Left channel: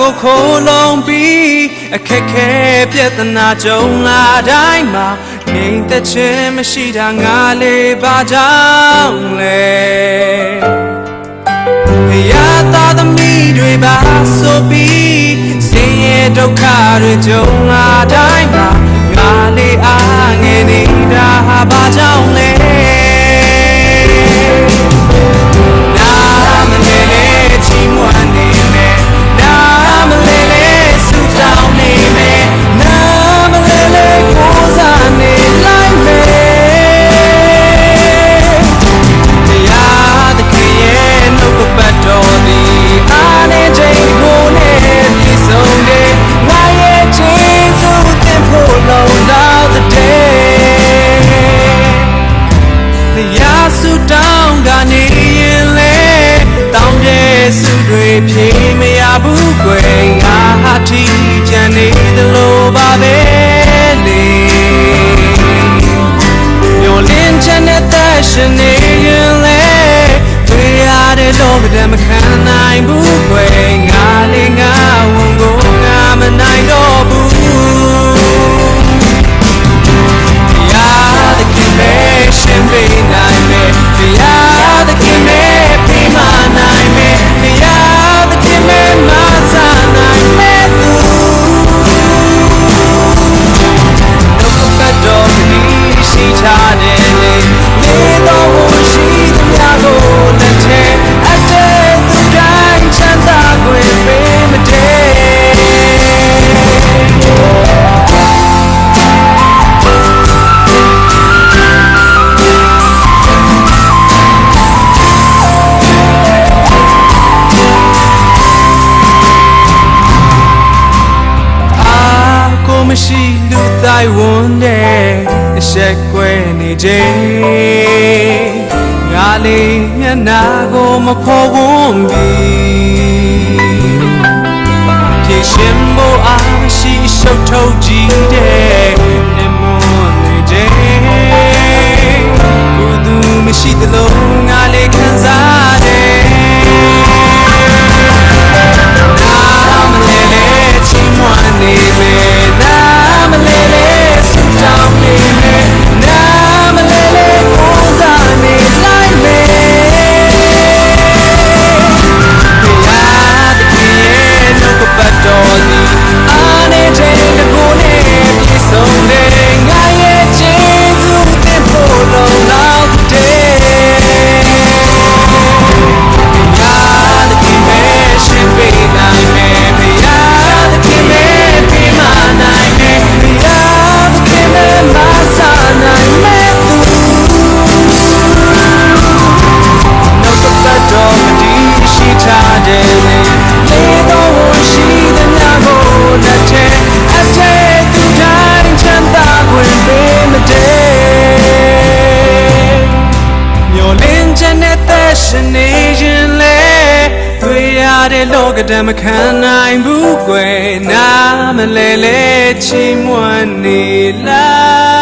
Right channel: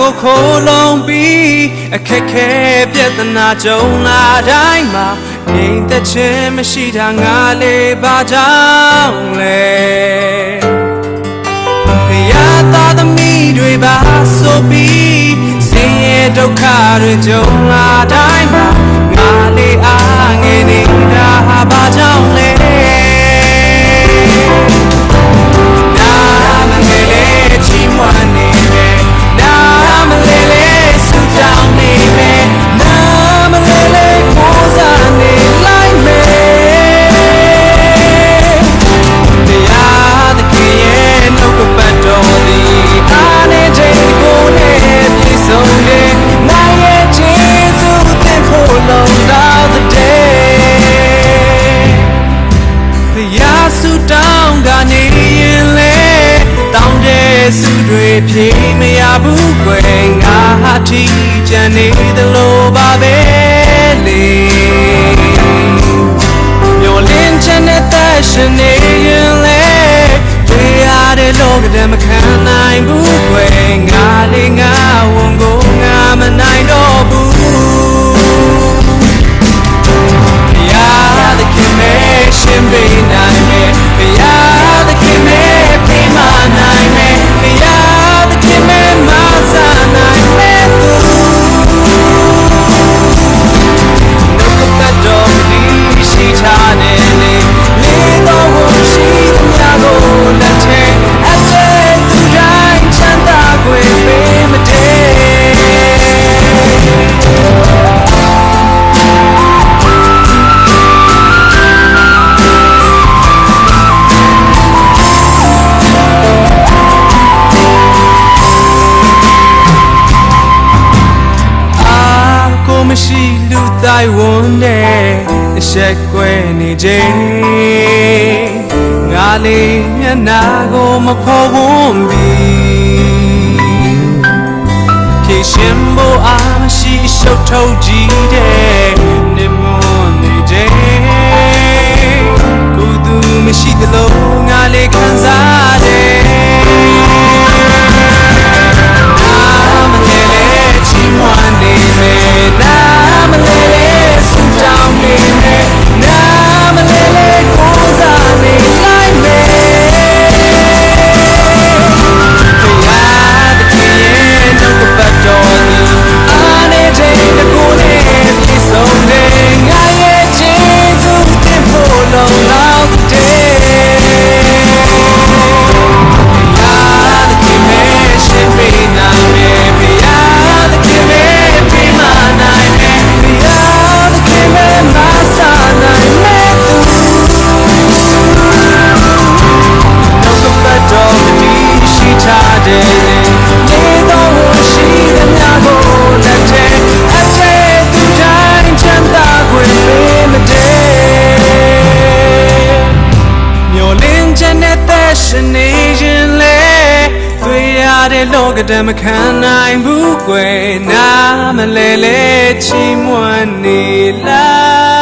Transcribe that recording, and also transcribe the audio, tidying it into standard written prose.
ကိုခိုးလုံးပြီးအခက်ခဲပြဿနာကြုံလာတိုင်းမှာနေသက်ခြင်းမရှိတာငါလေးပါကြောင့်လေရတာသမီးတွေပါဆိုပြီးဆင်းရဲဒုက္ခတွေကြုံလာတိုင်းမှာငါလေးအားငယ်နေတာပါကြောင့်လေစုတွေဖြေမရဘူးကွယ်ငါဟာထီကျန်နေသလိုပါပဲလေမျိုးလင်းချင်တဲ့ရှင်နေရင်လေတွေ့ရတဲ့လောကမခံနိုင်ဘူးကွယ်ငါလေးငါဝန်ကိုငါမနိုင်တော့ဘူးThe connection being on me, we are the connection being on me, we are the connection on me. Look at that dog, she tried it. Little one, she the lago, let her. I said the grand chanta will be my day.မရှိလူတိုင်းဝန်နဲ့အဆက်ကွဲနေခြင်းငါလေးမျက်နှာကိုမဖော်ဝန်းပြီးဖြည့်ရှင်ဖို့အားမရှိရှုပ်ထုတ်ကြည့်တဲ့နေမနေခြင်းကိုသူမရှိသလိုငါလေးခံစားတယ်လောကဓမ္မခံနိုင်ဘူးကွယ်နားမလဲလဲချိန်မွန်းနေလား